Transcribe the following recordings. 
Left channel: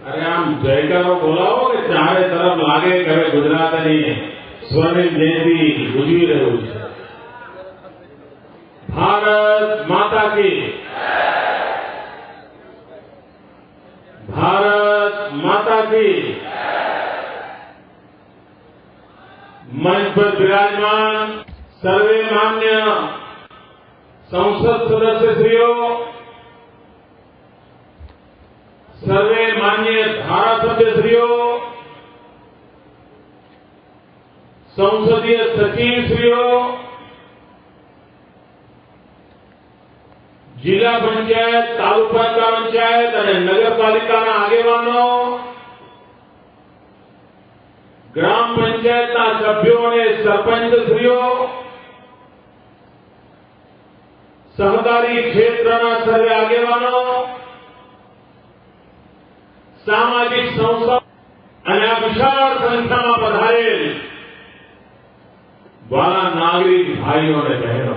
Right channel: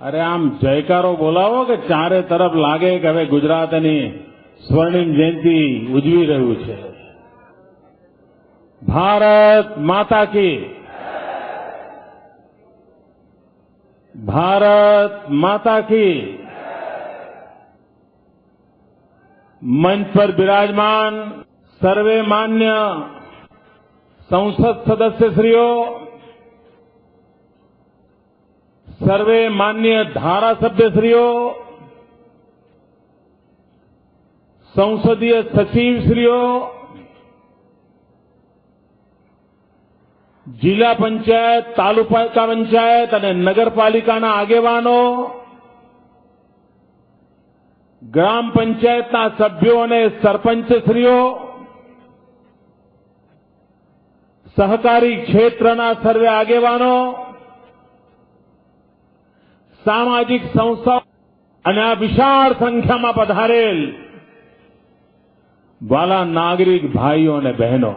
અરે આમ જયકારો બોલાવો કે ચારે તરફ લાગે કે હવે ગુજરાતની સ્વર્ણિમ જયંતિ ઉજવી રહ્યું છે. ભારત માતા કી, ભારત માતા કી. મંચ પર બિરાજમાન સર્વે માન્ય સંસદ સદસ્યશ્રીઓ, સર્વે માન્ય ધારાસભ્યશ્રીઓ, સંસદીય સચિવશ્રીઓ, જિલ્લા પંચાયત, તાલુકા પંચાયત અને નગરપાલિકાના આગેવાનો, ગ્રામ પંચાયતના સભ્યો અને સરપંચશ્રીઓ, સહકારી ક્ષેત્રના સર્વે આગેવાનો, સામાજિક સંસ્થાઓ અને આ વિશાળ સંખ્યામાં પધારેલ વાલા નાગરિક ભાઈઓ અને બહેનો,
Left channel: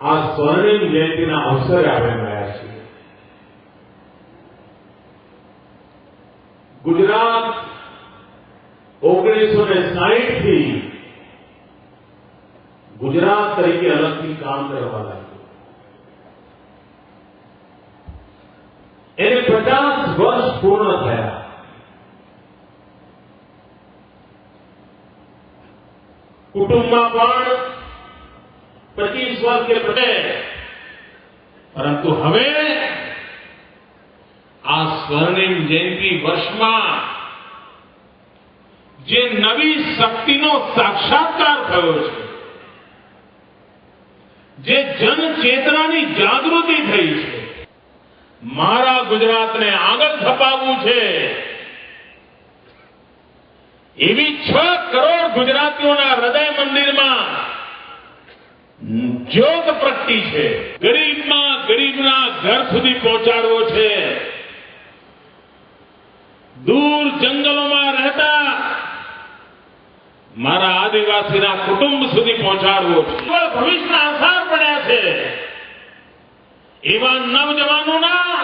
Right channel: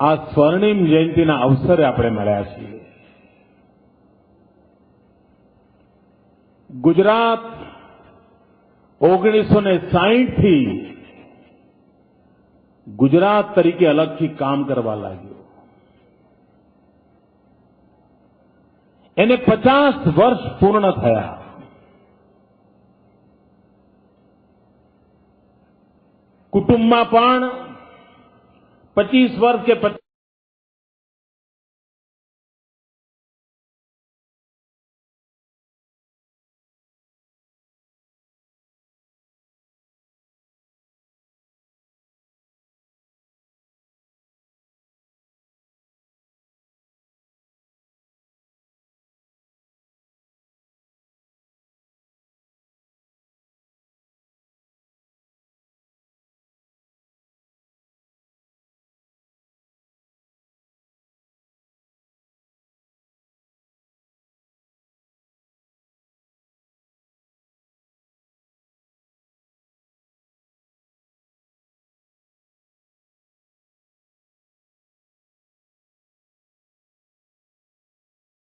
આ સ્વર્ણિમ જયંતિના અવસરે આપણે મળ્યા છીએ. ગુજરાત 1960 થી ગુજરાત તરીકે અલગથી કામ કરવા લાગ્યું. એને 50 વર્ષ પૂર્ણ થયા. કુટુંબમાં પણ 25 વર્ષે પતે, પરંતુ હવે આ સ્વર્ણિમ જયંતિ વર્ષમાં જે નવી શક્તિનો સાક્ષાત્કાર થયો છે, જે જનચેતનાની જાગૃતિ થઈ છે, મારા ગુજરાતને આગળ ધપાવવું છે એવી 6 કરોડ ગુજરાતીઓના હૃદય મંદિરમાં જ્યોત પ્રગટી છે. ગરીબમાં ગરીબના ઘર સુધી પહોંચાડવો છે. દૂર જંગલોમાં રહેતા મારા આદિવાસીના કુટુંબ સુધી પહોંચાડવો છે. ભવિષ્યના આસાર પડ્યા છે એવા નવજવાનોના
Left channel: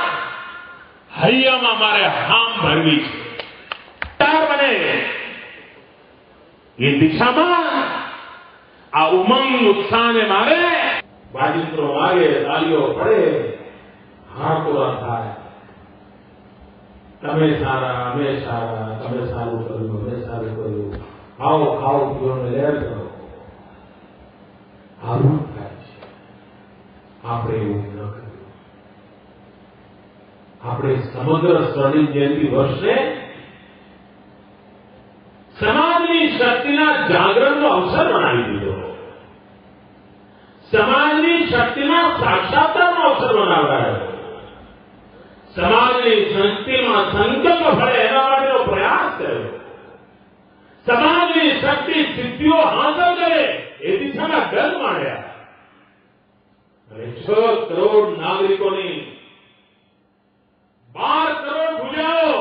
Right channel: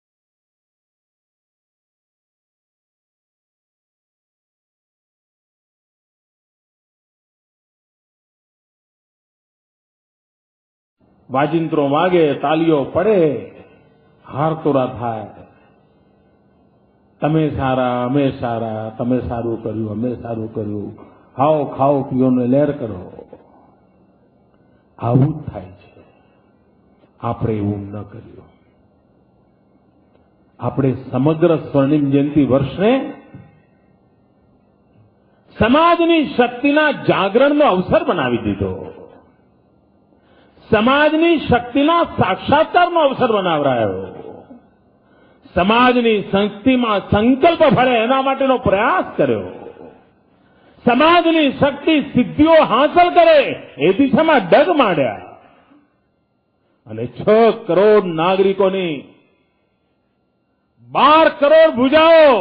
હૈયામાં મારે હામ ભરવી છે. બને એ દિશામાં આ ઉમંગ ઉત્સાહને મારે વાજિંત્રો વાગે, તાલીઓ પડે, હારતોરા થાય. તમે સારા, અમે સારા, તમે સારું કર્યું, અમે સારું કર્યું, ખાઓ ખાઓ પીઓ ને લહેર કરો. આવું થાય છે. આપણે એવું ન કર્યું. આપણે સમગ્ર સ્વર્ણિમ જયંતિ વર્ષને સમાજની શક્તિના જાગરણનો અવસર બનાવી દીધો. સમાજની શક્તિના સાક્ષાત્કારનો અવસર બનાવાયો. સમાજની શક્તિમાં સંકલ્પ ભળે એના માટેનો પ્રયાસ કર્યો. સમાજની શક્તિ સિદ્ધિઓ હાંસલ કરે એ દિશામાં ડગ માંડ્યા. અને 6 કરોડ નાગરિકોની 12 કરોડ ભુજાઓ,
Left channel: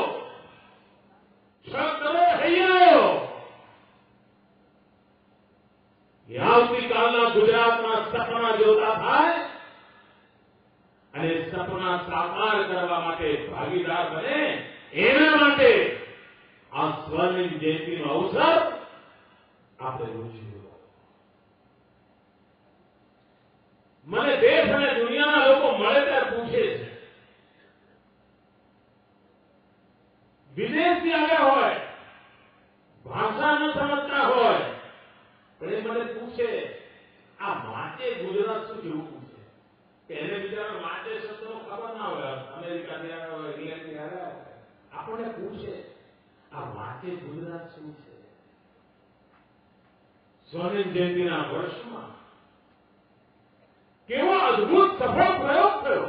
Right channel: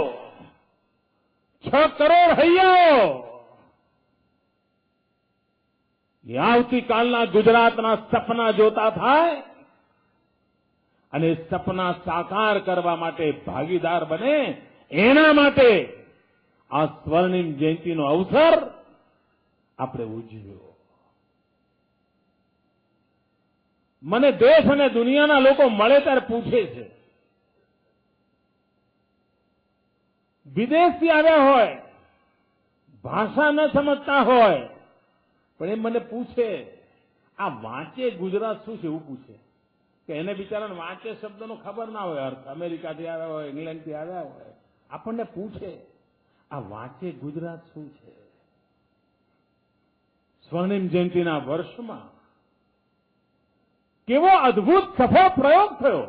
6 કરોડ હૈયાઓ એ આવતીકાલના ગુજરાતના સપના જોતા થાય અને સપના સાકાર કરવા માટે ભાગીદાર બને. એના માટે આ સ્વર્ણિમ જયંતિનો અવસર આપણે ઉજવ્યો. મને દેશ અને દુનિયાના લોકો મળે ત્યારે પૂછે છે, વિદેશથી આવ્યા હોય, ભાષા ન સમજતા હોય, પણ એ મને પૂછે આ વાંચે ગુજરાત શું છે એવું પૂછે. કે એને બિચારાને વાંચે શબ્દનો ખબર ના હોય, અમેરિકાથી આવ્યા હોય, ઇંગ્લેન્ડથી આવ્યા હોય, આપણને પૂછે આ વાંચે ગુજરાત શું છે. સ્વર્ણિમ જયંતિના વર્ષમાં કેવો અદભુત સફળ પ્રયોગ થયો.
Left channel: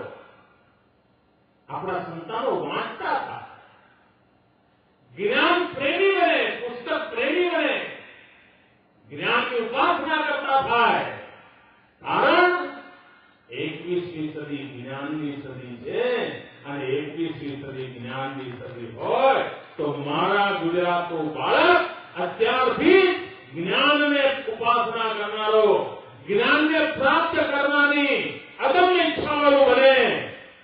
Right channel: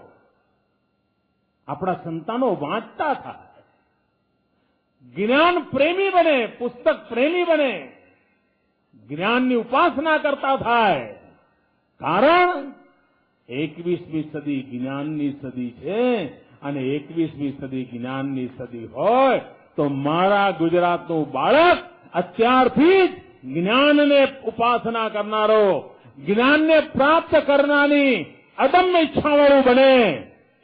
આપણા સંતાનો વાંચતા હતા, જ્ઞાન પ્રેમી બને, પુસ્તક પ્રેમી બને, જ્ઞાનની ઉપાસના કરતા થાય. કારણ 21મી સદી જ્ઞાનની સદી છે અને 21મી સદી જ્ઞાનની સદી હોય તો મારા ગુજરાતનું બાળક અત્યારથી જ જ્ઞાનને ઉપાસના કરનારો, જ્ઞાનને પ્રાપ્ત કરનારની અદમ્ય ઈચ્છાવાળું બને,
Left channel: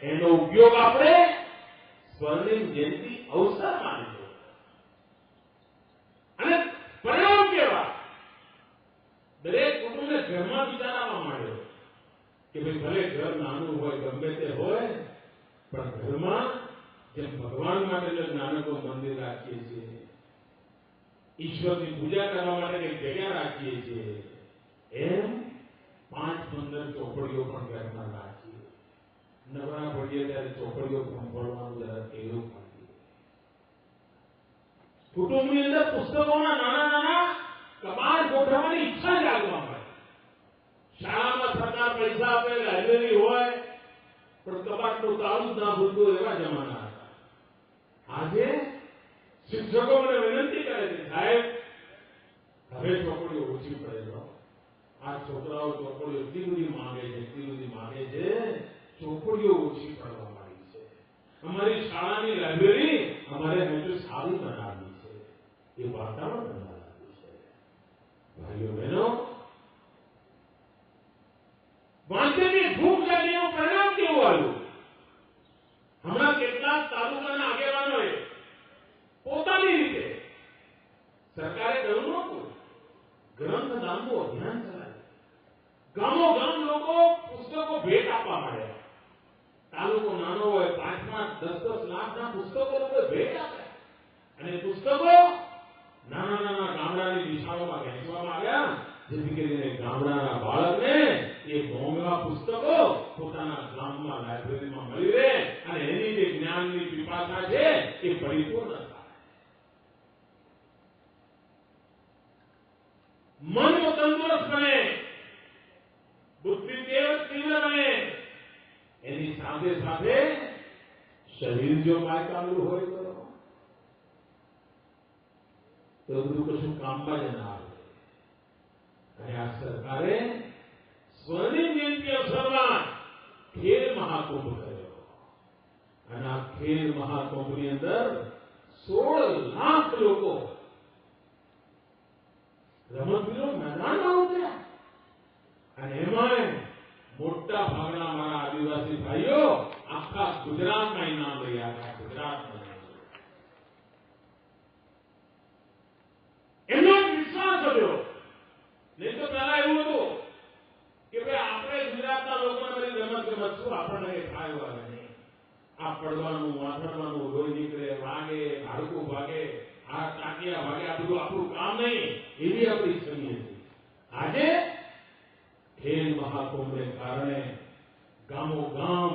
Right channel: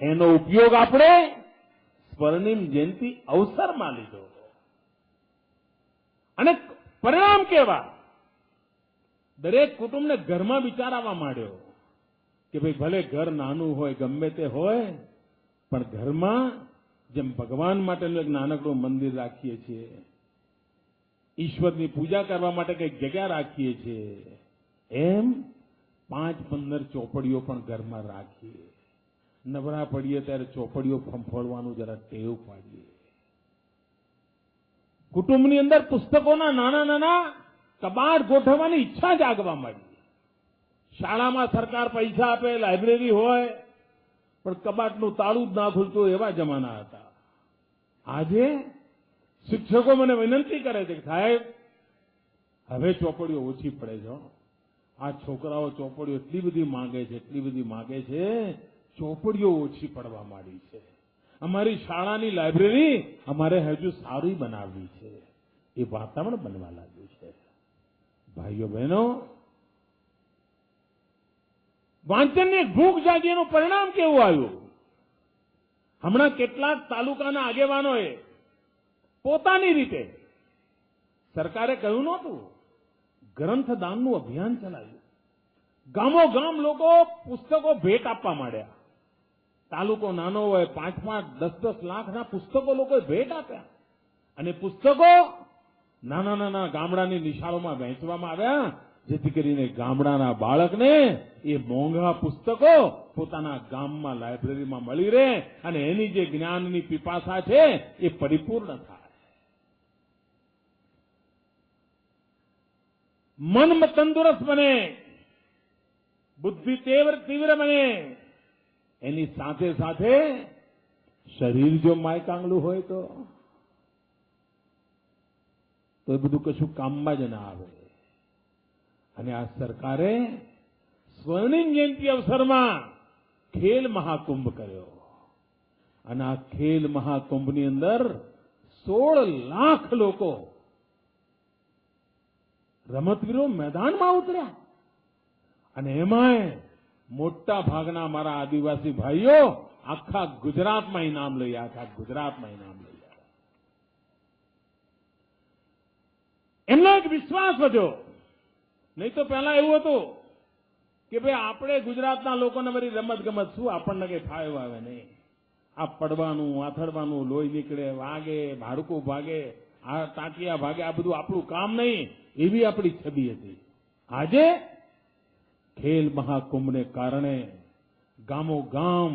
એનો ઉપયોગ આપણે સ્વર્ણિમ જયંતિ અવસરમાં લીધો. અને પરિણામ કેવા? દરેક કુટુંબને ઘરમાં વિચાર આવવા માંડ્યો કે ભાઈ ભલે ઘર નાનું હોય, ગમે તે હોય, પણ ઘરમાં જેમ ભગવાન માટે એક નાનકડું મંદિર રાખીએ છીએ, ઈશ્વરની પૂજા કરવા માટે કંઈક જગ્યા રાખીએ છીએ, એમ 5-15 ચોપડીઓ પણ ઘરમાં રાખીએ. નવરા પડીએ ત્યારે ચોપડીઓ ફંફોડવાનું જરા ટેવ પાડીએ. કુટુંબની અંદર પુસ્તકોના નાના નાના કબાટ ગોઠવવાની ઈચ્છા જાગવા માંડી. શાળામાં સરકાર પૈસા આપે, લાઇબ્રેરી હોય, પણ કબાટનું તાળું જ ના ખુલતું એવા જમાના હતા. આજે શિક્ષકો મને વિનંતી કરે છે, સાહેબ હવે ચોપડીઓ ઓછી પડે છે. આ છોકરાઓ ચોપડીઓ એટલી બધી માંગે છે, ચોપડીઓ ઓછી પડવા માંડી છે. અમારી શાળાની લાઇબ્રેરી અમારે હજુ સારી બનાવવી છે, એ વાતાવરણ બનવા લાગ્યું છે. ભાઈઓ બહેનો, વાંચનની ભૂખ જાગીનું પરિણામ કેવું આવ્યું? હમણાં કેટલાક તાલુકાના આગેવાનોએ પોતાની રીતે, સરકારે કહ્યું નહોતું, ગ્રંથદાનનું અભિયાન ચલાવ્યું. ગામો ગામ લોકો પુસ્તકો ભેટ આપવા માંડ્યા. તાલુકો નાનો હોય, 5-10 લાખના પુસ્તકો લોકોએ ભેટ આપ્યા. અને પુસ્તકો નાના નાના ગામડાની નિશાળોમાં વહેંચવામાં આવ્યા, જેથી કરીને ગામડાના બાળકને એ મોંઘા પુસ્તકો પોતાના ગામમાં લાઇબ્રેરીમાં મળી રહે અને એની જે જ્ઞાનની પીપાસા છે એ પરિપૂર્ણ થાય. મન તંદુરસ્ત બને, બુદ્ધિ તીવ્ર બને, એની સાથે સાથે શરીર જો માયકાંગલું હોય તો એ બધું કશું કામમાં જ ના આવે. અને આ સરકારે સ્વર્ણિમ જયંતિ અવસરમાં ખેલ મહાકુંભ કર્યો. અને આ ખેલ મહાકુંભની અંદર 16 લાખ લોકો રમતવીરો મેદાનમાં ઉતર્યા. અને એમાંય મોટા ભાગના મારા આદિવાસી ભાઈઓ આખા ગુજરાતમાં ઇનામ લઈ આવ્યા. ગુજરાતમાં ઇનામ લઈ આવ્યા. એમનો વિશ્વાસ વધ્યો. નહીં તો પહેલા એવું હતું કે ભાઈ આપણે ગુજરાતના લોકોને બધી રમત ગમત શું, આપણને કઈ ફાવે વાગે નહીં. આ પડવાનું, આથડવાનું, લોહી નીકળે, વાગે, હાડકું ભાગે, આ ટાંકિયા ભાગે, આ બધું આપણું કામ નહીં, એવી આપણી છબી હતી. આજે ખેલ મહાકુંભને કારણે ગામો ગામ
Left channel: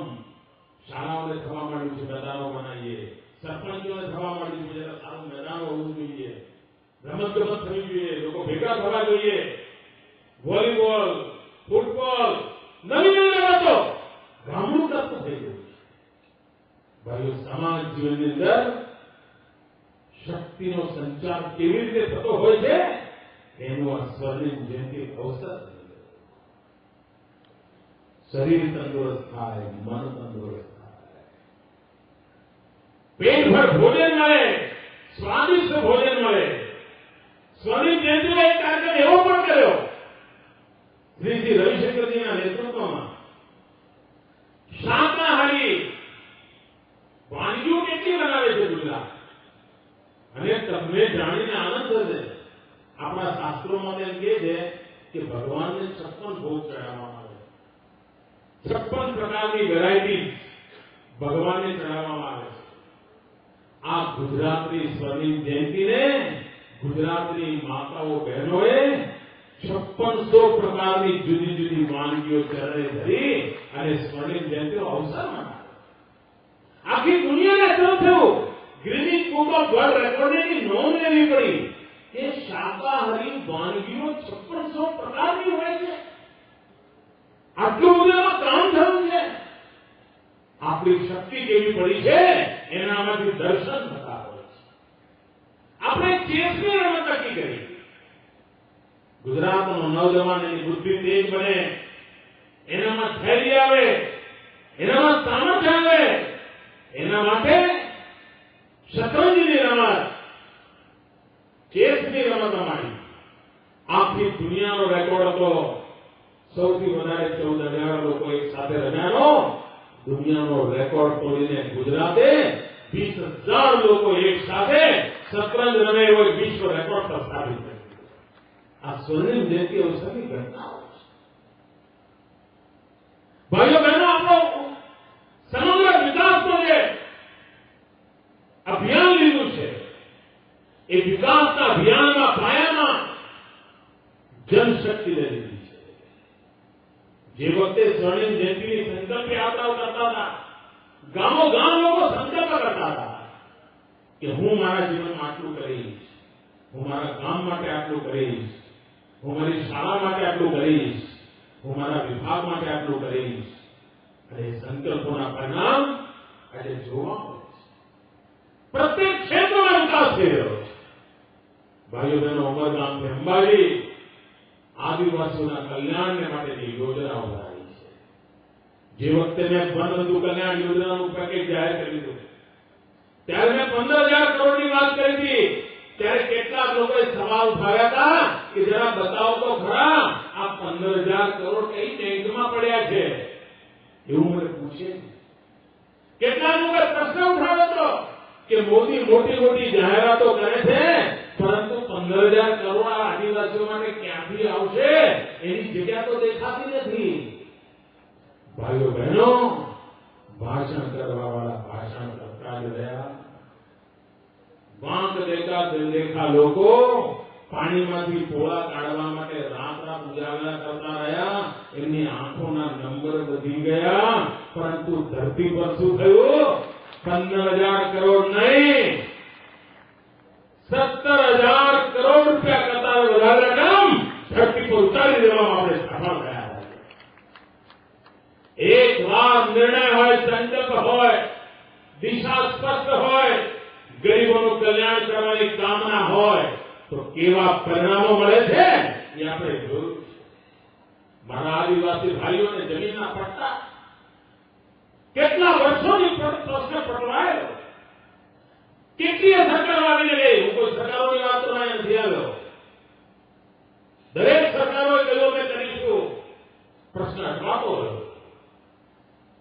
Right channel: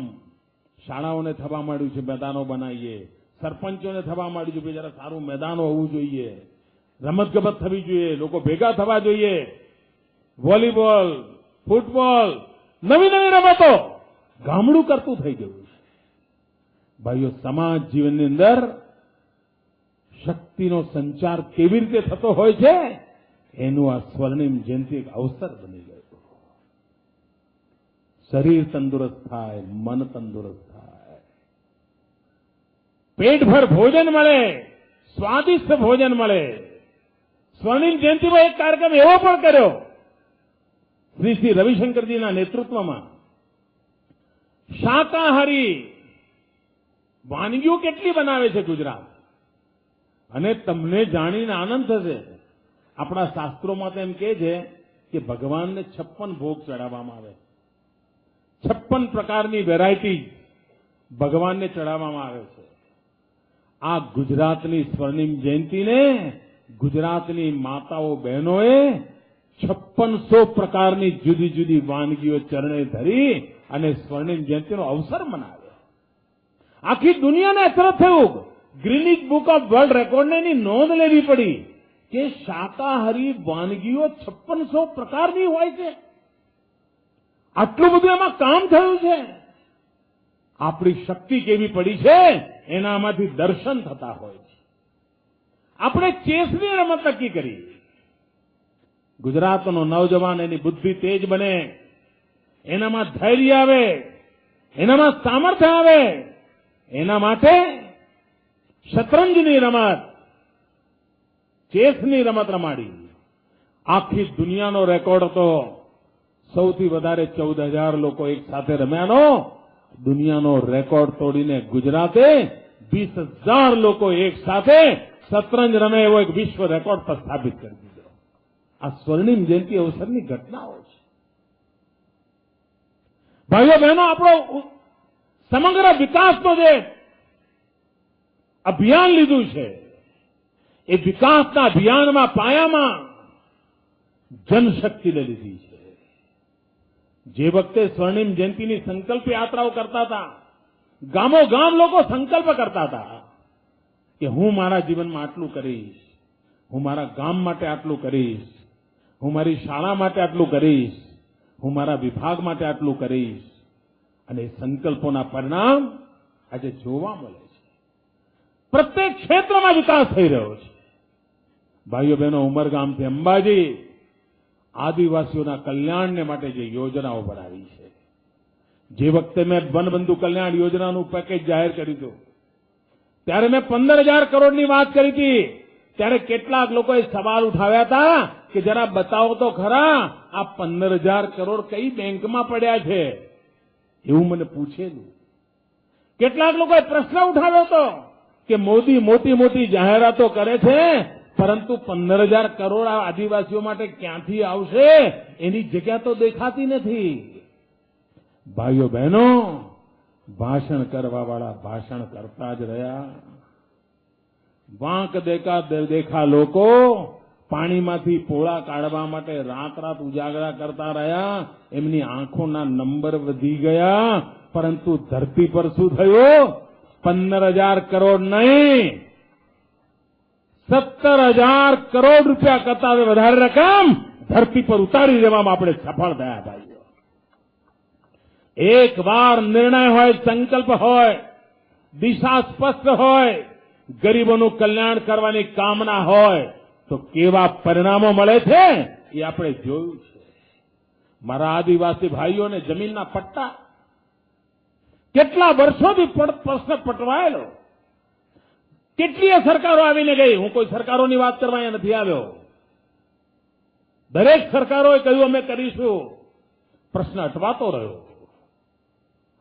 શાળાઓને થવા માંડ્યું છે, મેદાનો બનાવીએ. સરપંચોને થવા માંડ્યું છે, જરા સારું મેદાનો હોવું જોઈએ, રમત ગમત થવી જોઈએ, લોકો ભેગા થવા જોઈએ. વોલીબોલ, ફૂટબોલ, નવી નવી રમતો ગામડું કરતું થઈ ગયું છે. ભાઈઓ, સમાજ જીવનની અંદર શક્તિનો સંચાર કેવી રીતે થતો હોય છે એનું આ સ્વર્ણિમ જયંતિ અવસર બની ગયો. શરીર તંદુરસ્ત થાય, મન તંદુરસ્ત થાય, પેટભર ભોજન મળે, સ્વાદિષ્ટ ભોજન મળે. સ્વર્ણિમ જયંતિમાં એક કાર્યક્રમ એવો પણ કર્યો શ્રી રવિશંકરજીના નેતૃત્વમાં. શાકાહારી વાનગીઓ કેટલી બનાવે છે ગુજરાત, અને તમને જાણીને આનંદ થશે. આપણા શાસ્ત્રોમાં તો એમ કહે છે કે ભગવાનને 56 ભોગ ચડાવવામાં આવે, 56 પ્રકારની વેરાયટી ભગવાનને ચડાવવામાં આવે છે. આ ગુજરાતની સ્વર્ણિમ જયંતિને ગુજરાતની માતાઓ બહેનોએ 5600 પ્રકારની જુદી જુદી વાનગીઓ ચરણે ધરી અને સ્વર્ણિમ જયંતિનો અવસર મનાવ્યો. આખી દુનિયાને અસર થયું. ગ્રીનિચ બુક ઓફ વર્લ્ડ રેકોર્ડને એની નોંધ લેવી પડી કે શાકાહારી વાનગીઓ 5600 પ્રકારની હોય છે. આટલું બધું એમાં કામ થયું છે. આપણી શક્તિ કેવી પડી છે એનામાંથી દર્શન થતા હોય છે. આપણે ચેસની રમત નક્કી કરી. ગુજરાતનો નવજવાન એની બુદ્ધિ તેજ બને, એનામાં ધૈર્ય આવે, એનામાં સામર્થ્ય આવે, એના માટે શતરંજની રમત, ચેસની રમત રમાડી. આખી દુનિયાનો રેકોર્ડ હતો સૌથી વધારે 14,000 લોકો એક સાથે રમ્યાનો દુનિયાનો રેકોર્ડ તોડીને ગુજરાતે 20,000 લોકો એક સાથે શતરંજ રમે એવો એક વિશ્વ રેકોર્ડ પર સ્થાપિત કરી દીધો. આ સ્વર્ણિમ જયંતિ અવસરની ઘટનાઓ છે. ભાઈઓ બહેનો, આપણો સમગ્ર વિકાસનો જે અભિયાન લીધું છે એ વિકાસના અભિયાનમાં પાયામાં જનશક્તિને લીધી છે. જે વખતે સ્વર્ણિમ જયંતિની સંકલ્પ યાત્રાઓ કરતા હતા, ગામો ગામ લોકો સંકલ્પ કરતા હતા કે હું મારા જીવનમાં આટલું કરીશ, હું મારા ગામ માટે આટલું કરીશ, હું મારી શાળા માટે આટલું કરીશ, હું મારા વિભાગ માટે આટલું કરીશ. અને સંકલ્પોના પરિણામ આજે જોવા મળે છે. પ્રત્યેક ક્ષેત્રમાં વિકાસ થઈ રહ્યો છે. ભાઈઓ બહેનો, ઉમરગામથી અંબાજી આદિવાસીઓના કલ્યાણને માટે જે યોજનાઓ બનાવી છે, જે વખતે મેં વનબંધુ કલ્યાણ યોજનાનું પેકેજ જાહેર કર્યું હતું ત્યારે મેં 15,000 કરોડની વાત કરી હતી. ત્યારે કેટલાક લોકોએ સવાલ ઉઠાવ્યા હતા કે જરા બતાવો તો ખરા આ 15,000 કરોડ કઈ બેંકમાં પડ્યા છે, એવું મને પૂછે. કેટલાક લોકોએ પ્રશ્ન ઉઠાવ્યો હતો કે મોદી મોટી મોટી જાહેરાતો કરે છે પરંતુ 15,000 કરોડ આ આદિવાસીઓ માટે ક્યાંથી આવશે એની જગ્યા તો દેખાતી નથી. ભાઈઓ બહેનો, ભાષણ કરવાવાળા ભાષણ કરતા જ રહ્યા. વાંક દેખા લોકો પાણીમાંથી પોળા કાઢવા માટે રાત ઉજાગરા કરતા રહ્યા. એમની આંખોના નંબર વધી ગયા, પરંતુ ધરતી પર શું થયું? 15,000 કરોડ નહીં, 17,000 કરોડ રૂપિયા કરતા વધારે રકમ ધરતી પર ઉતારી દેવામાં આપણે સફળ થયા. એક વાર નિર્ણય હોય, સંકલ્પ હોય, દિશા સ્પષ્ટ હોય, ગરીબોનું કલ્યાણ કરવાની કામના હોય તો કેવા પરિણામો મળે છે એ આપણે જોયું છે. મારા આદિવાસી ભાઈઓને જમીનના પટ્ટા કેટલા વર્ષોથી પ્રશ્ન પટવાયેલો. કેટલીય સરકારો આવીને ગઈ. હું કોઈ સરકારોની વાત કરવા નથી આવ્યો. દરેક સરકારોએ કહ્યું અમે કરીશું, પ્રશ્ન અટવાતો રહ્યો.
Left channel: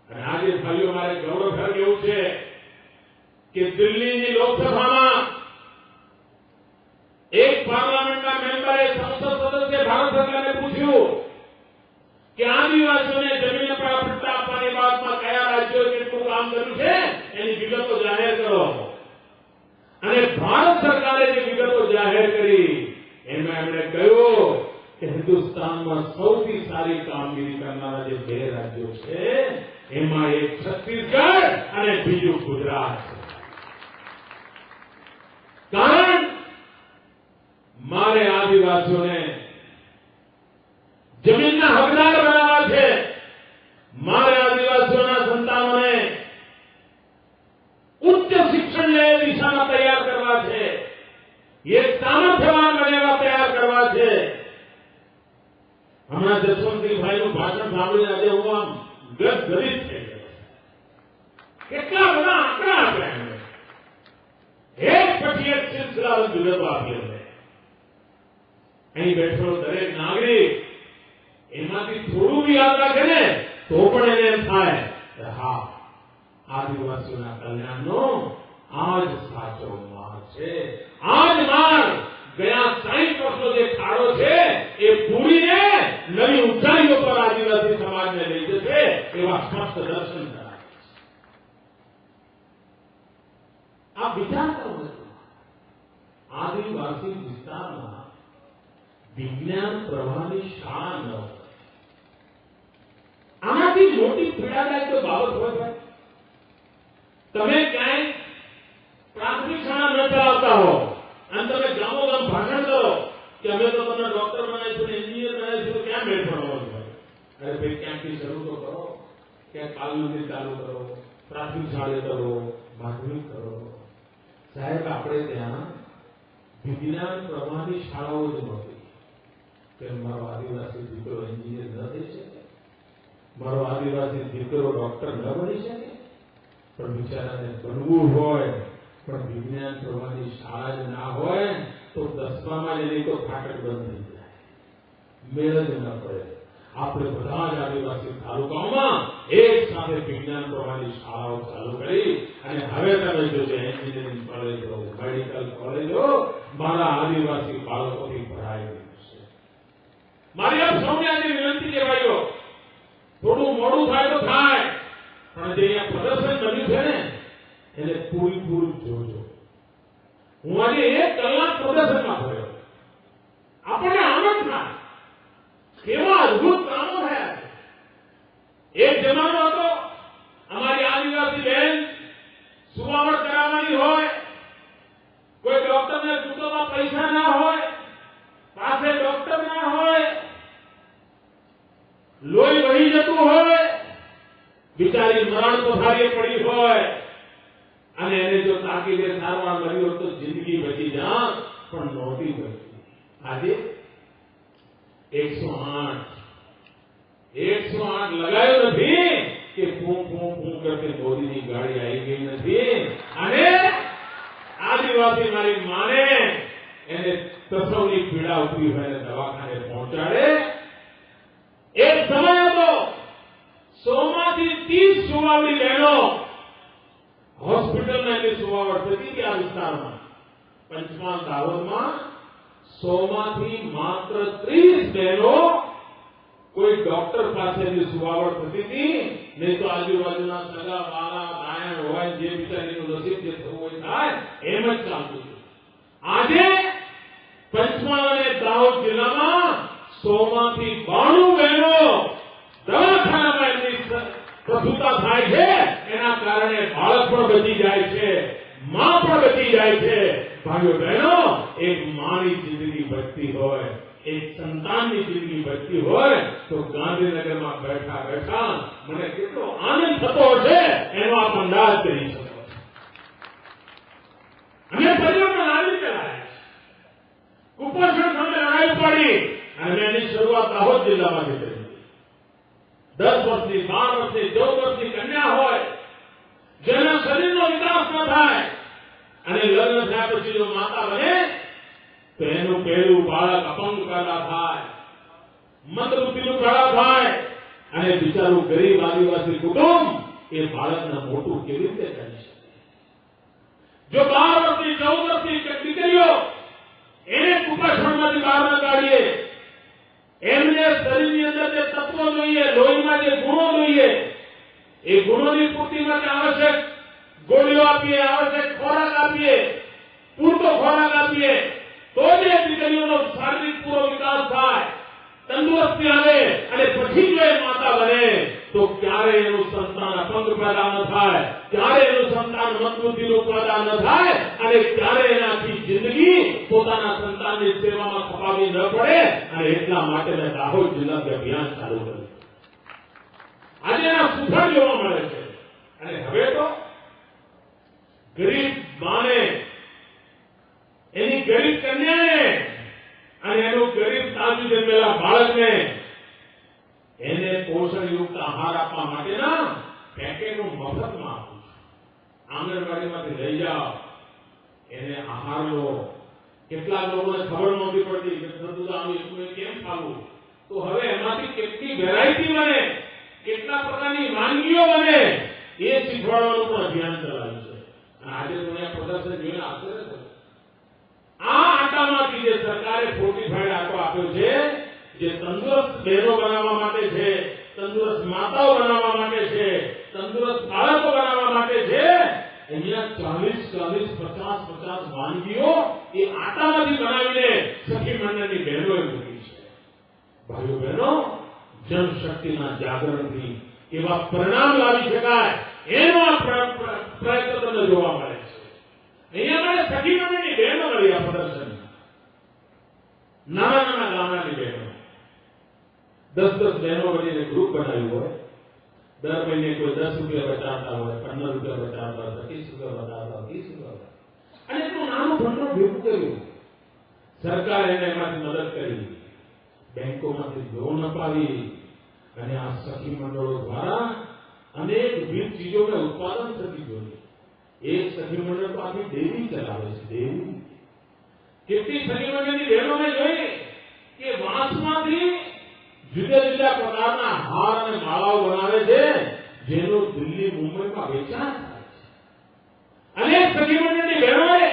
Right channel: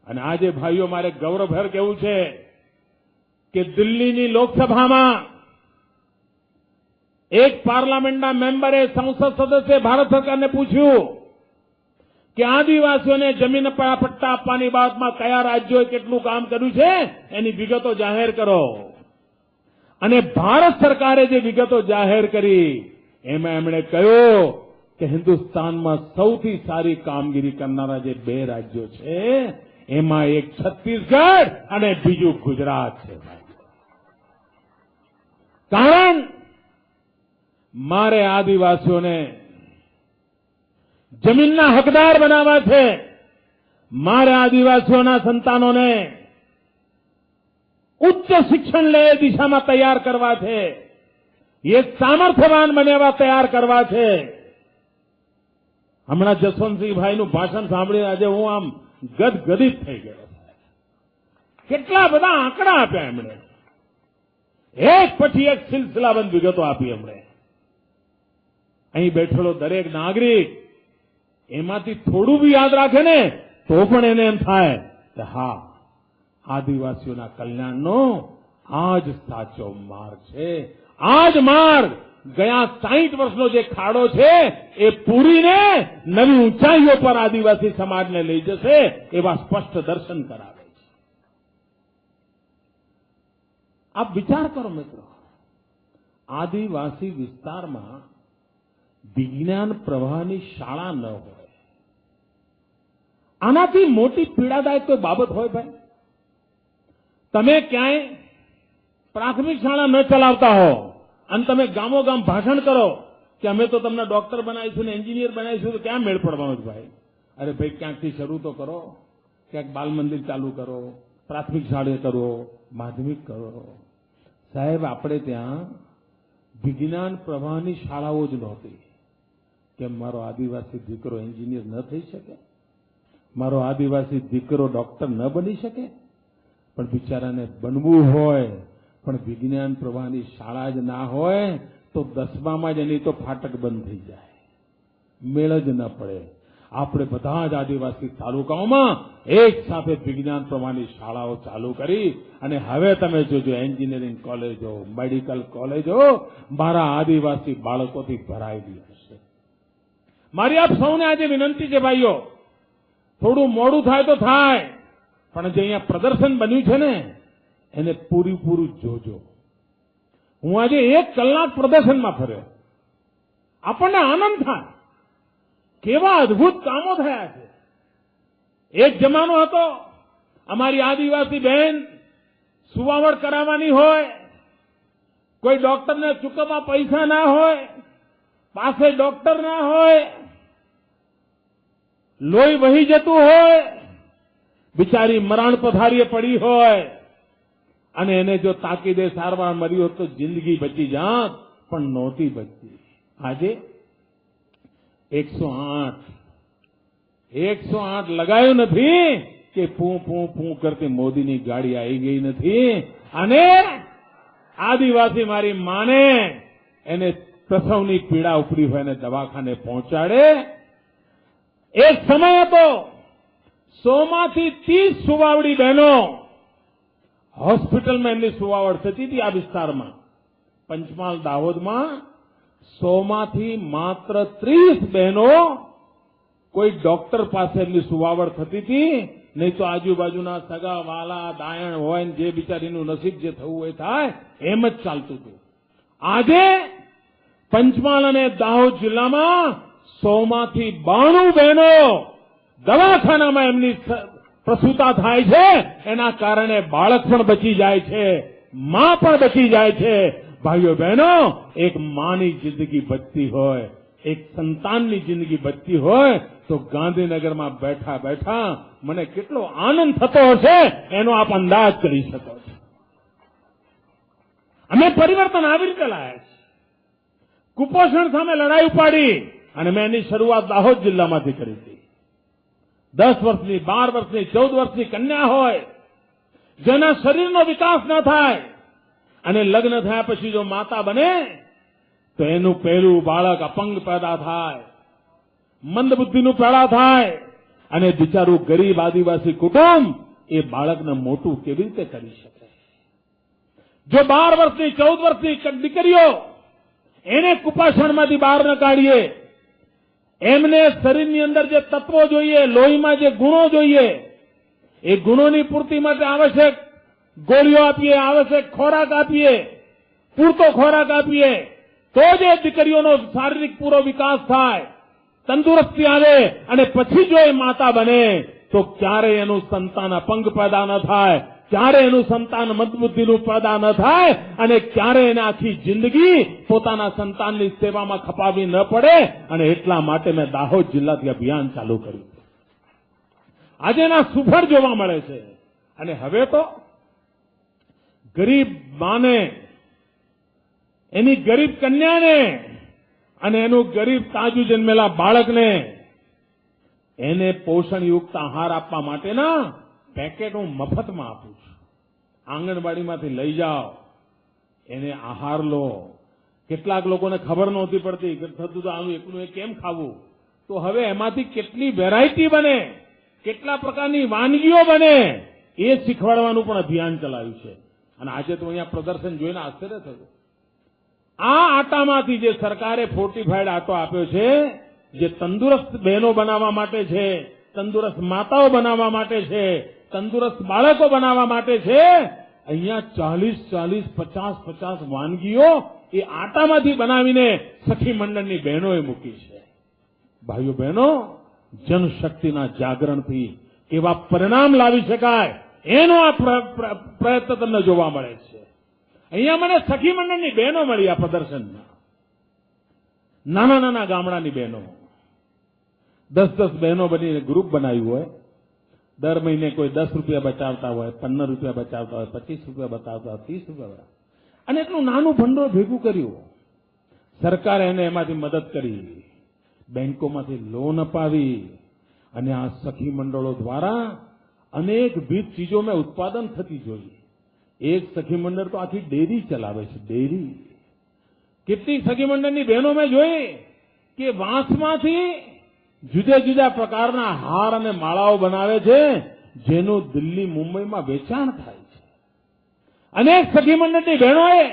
અને આજે ભાઈઓ, મારે ગૌરવભેર કહેવું છે કે દિલ્હીની લોકસભામાં એક પાર્લામેન્ટના મેમ્બરે, સંસદ સદસ્ય ભારત સરકારને પૂછ્યું કે આદિવાસીઓને જમીન પટ્ટા આપવાની બાબતમાં કયા રાજ્યોએ કેટલું કામ કર્યું છે એની વિગતો જાહેર કરો. અને ભારત સરકારે જે વિગતો જાહેર કરી એમાં એમણે કહ્યું કે હિન્દુસ્તાનમાં સૌથી સારી કામગીરી કરનારા જે 2 રાજ્યો છે એમાં એક છત્તીસગઢ અને બીજું ગુજરાત છે. કારણ મારે આદિવાસીઓને જમીનના હકદાર બનાવવા છે. મારે આદિવાસીઓના સંતાનોને ઉચ્ચ શિક્ષણ લે એ દિશામાં તૈયાર કરવા છે. એ સામર્થ્યવાન બન્યા તૈયાર કરવા છે. હમણાં જસવંતસિંહભાઈનું ભાષણ સાંભળીને આજે હું આમ ગદગદિત થઈ ગયો. કેટલા બધા આંકડા આપ્યા એમણે. એક પછી એક સિલસિલાબંધ વિગતો આપી એમણે. અહીં બેઠેલો દરેક નાગરિક એમાંથી થોડું બી યાદ રાખે ને તો પણ એને એમ થાય કે હા, આદિવાસીઓના કલ્યાણનો આ જ સાચો માર્ગ છે. આ જ માર્ગ ગયા 60 વર્ષનો જે ખાડો છે એ પૂરીને નવી ઊંચાઈઓ પર આદિવાસી સમાજને લઈ જશે એવા સ્પષ્ટ દર્શન કરાવે છે. આપ વિચાર કરો મિત્રો, આદિવાસી વિસ્તારમાં વિજ્ઞાન પ્રવાહની શાળા ન હોય, આનાથી મોટી પીડાદાયક કોઈ બાબત હોય ભાઈ? તમે ક્યાંય પ્રાથમિક શાળા ન ચલાવતા હો અને તમે ગામો ગામ ભાષણ કરો કે અમે તો તમને ડોક્ટર બનાવીશું ને એન્જિનિયર બનાવીશું, તો ક્યાં મેળ પડવાનો છે? અરે ભાઈ, ક્યાંકથી શરૂ તો કરો. ક્યાંક બાલ મંદિર ચાલુ કરો, પ્રાથમિક શાળા કરો, માધ્યમિક કરો. સાહેબ, આપણે ત્યાં વિજ્ઞાન પ્રવાહની શાળાઓ જ નહોતી. કે મારો આદિવાસી દીકરો એન્જિનિયર ન થઈ શકે, મારો આદિવાસી દીકરો ડોક્ટર ન બની શકે. પણ બિચારાને બનવું હોય પણ વિજ્ઞાન પ્રવાહની શાળા જ ના હોય તો 10મામાં જ એની તો ફાટક બંધ થઈ જાય. મેળ જ ન પડે. આપણે બધા જ આદિવાસી તાલુકાઓમાં એક સાથે વિજ્ઞાન પ્રવાહની શાળાઓ ચાલુ કરી અને હવે તમે જોજો એન્જિનિયરિંગ કોલેજો, મેડિકલ કોલેજો મારા આદિવાસી બાળકોથી ભરાયેલી હશે. મારી આપ સૌને આજે વિનંતી કે ભાઈઓ, થોડું મોડું થાય તો થાય, પણ જે અહીંયા પ્રદર્શન બન્યું છે ને એને પૂરેપૂરું જોજો. હું આજે 1 કલાક પ્રદર્શનમાં ફર્યો. આપણને આનંદ થાય, કેવા અદભુત કામો થયા. એક જમાનો હતો અમારી આદિવાસી બહેન સુવાવડ કરાવવાની હોય, કોઈ ડોક્ટરને ચૂકવવા પૈસા ના હોય, પાસે ડોક્ટર ના હોય, લોહી વહી જતું હોય, બિચારી મરણ પથારીએ પડી હોય અને એને જો તાકીદે સારવાર મળી હોત તો જિંદગી બચી જાત, પણ નહોતી બચતી. આજે 108 લગાયું નથી કે ફૂં ફૂં ફૂં કરતી મોદીની ગાડી આવી ગઈ નથી અને આદિવાસી મારી માને એને પ્રસવની પીડા ઉપડી હોય ને દવાખાને પહોંચાડે. એક સમય હતો 100 માંથી 30 સુવાવડી બહેનો હોસ્પિટલમાં એમની સુવાવડ થતી હતી. આ વિસ્તારમાં પંચમહાલ દાહોદમાં 100 માંથી માત્ર 30 બહેનો કોઈ ડોક્ટર પાસેની સુવાવડ થતી હતી, નહીં તો આજુબાજુના સગા વાલા દાયણ હોય જે બિચારીનું નસીબ જે થવું એ થાય એમ જ ચાલતું હતું. આજે પંચમહાલ અને દાહોદ જિલ્લામાં 100 માંથી 92 બહેનો દવાખાનામાં એમની પ્રસૂતા થાય છે. એના કારણે બાળક પણ બચી જાય છે, માં પણ બચી જાય છે. ભાઈઓ બહેનો, એક માની જિંદગી બચતી હોય, એક સંતાનની જિંદગી બચતી હોય તો ગાંધીનગરમાં બેઠા બેઠા મને કેટલો આનંદ થતો હશે એનો આપ અંદાજ કરી શકો છો. અમે પરિવર્તન આવી રીતે લાવ્યા છે. કુપોષણ સામે લડાઈ પાડી અને મેં એની શરૂઆત દાહોદ જિલ્લામાંથી કરી હતી. 10 વર્ષની, 12 વર્ષની, 14 વર્ષની કન્યા હોય જેના શરીરનો વિકાસ ન થાય અને લગ્ન થયા પછી જો માતા બને તો એનું પહેલું બાળક અપંગ પેદા થાય, મંદબુદ્ધિનું પેદા થાય અને બિચારું ગરીબ આદિવાસી કુટુંબ એ બાળકને મોટું કેવી રીતે કરી શકે? જો 12 વર્ષની, 14 વર્ષની દીકરીઓ એને કુપોષણમાંથી બહાર ન કાઢીએ, એમને શરીરની અંદર જે તત્વો જોઈએ, લોહીમાં જે ગુણો જોઈએ, એ ગુણોની પૂર્તિ માટે આવશ્યક ગોળીઓ આપીએ, આવશ્યક ખોરાક આપીએ, પૂરતો ખોરાક આપીએ તો જ એ દીકરીઓનો શારીરિક પૂરો વિકાસ થાય, તંદુરસ્તી આવે અને પછી જો એ માતા બને તો ક્યારે એનું સંતાન અપંગ પેદા ન થાય, ક્યારે એનું સંતાન મતબુદ્ધિનું પેદા ન થાય અને ક્યારે એને આખી જિંદગી પોતાના સંતાનની સેવામાં ખપાવવી ન પડે. અને એટલા માટે મેં દાહોદ જિલ્લાથી અભિયાન ચાલુ કર્યું. આજે એના સુફળ જોવા મળે છે. અને હવે તો ગરીબ માને, એની ગરીબ કન્યાને અને એનું ગરીબ તાજું જન્મેલા બાળકને એને પોષણયુક્ત આહાર આપવા માટેના પેકેટ હું મફતમાં આપું છું. આંગણવાડીમાંથી લઈ જાઓ, એને આહાર લો. કેટલાક લોકોને ખબર નહોતી પડતી કે થતું તો આમ એટલું એ કેમ ખાવું, તો હવે એમાંથી કેટલી વેરાયટી બને, કેટલા પ્રકારની વાનગીઓ બને એ શીખવાડવાનું પણ અભિયાન ચલાવ્યું છે. અને આજે તો અહીંયા પ્રદર્શન જોઈને આશ્ચર્ય થયું. આ આટામાંથી જે સરકારે ફોર્ટિફાઈડ આટો આપ્યો છે, જે તંદુરસ્ત બહેનો બનાવવા માટે છે, તંદુરસ્ત માતાઓ બનાવવા માટે છે, તંદુરસ્ત બાળકો બનાવવા માટે છે, અહીંયા 40-40, 50-50 વાનગીઓ એ આટામાંથી બનાવીને સખી મંડળની બહેનોએ મૂકી છે. ભાઈઓ બહેનો, જનશક્તિના જાગરણથી એવા પરિણામ લાવી શકાય એનો આ પ્રયત્ન તમને જોવા મળે છે. અહીંયા મને સખી મંડળની બહેનો મળી આ પ્રદર્શનમાં, નાના નાના ગામડાની બહેનો, 10-10 બહેનો બનીને ગ્રુપ બનાવ્યું હોય. દર મહિને કોઈ 10 રૂપિયા બચાવતા હોય, 15 રૂપિયા બચાવતા હોય, 25 રૂપિયા બચાવતા હોય, 30 રૂપિયા, અને એટલું નાનું ભંડોળ ભેગું કર્યું. સરકારે એને એમાંથી મદદ કરી, બેંકોમાંથી લોન અપાવી અને આ સખી મંડળો દ્વારા અનેકવિધ ચીજોમાં ઉત્પાદન થતી જોઈએ. એક સખી મંડળ તો આખી ડેરી ચલાવે છે. ડેરી કેટલી સખી મંડળની બહેનો મેં જોઈ કે વાંસમાંથી જુદા જુદા પ્રકારના હાર અને માળાઓ બનાવે છે, જેનું દિલ્હી મુંબઈમાં વેચાણ થાય છે. અનેક સખી મંડળની બહેનોએ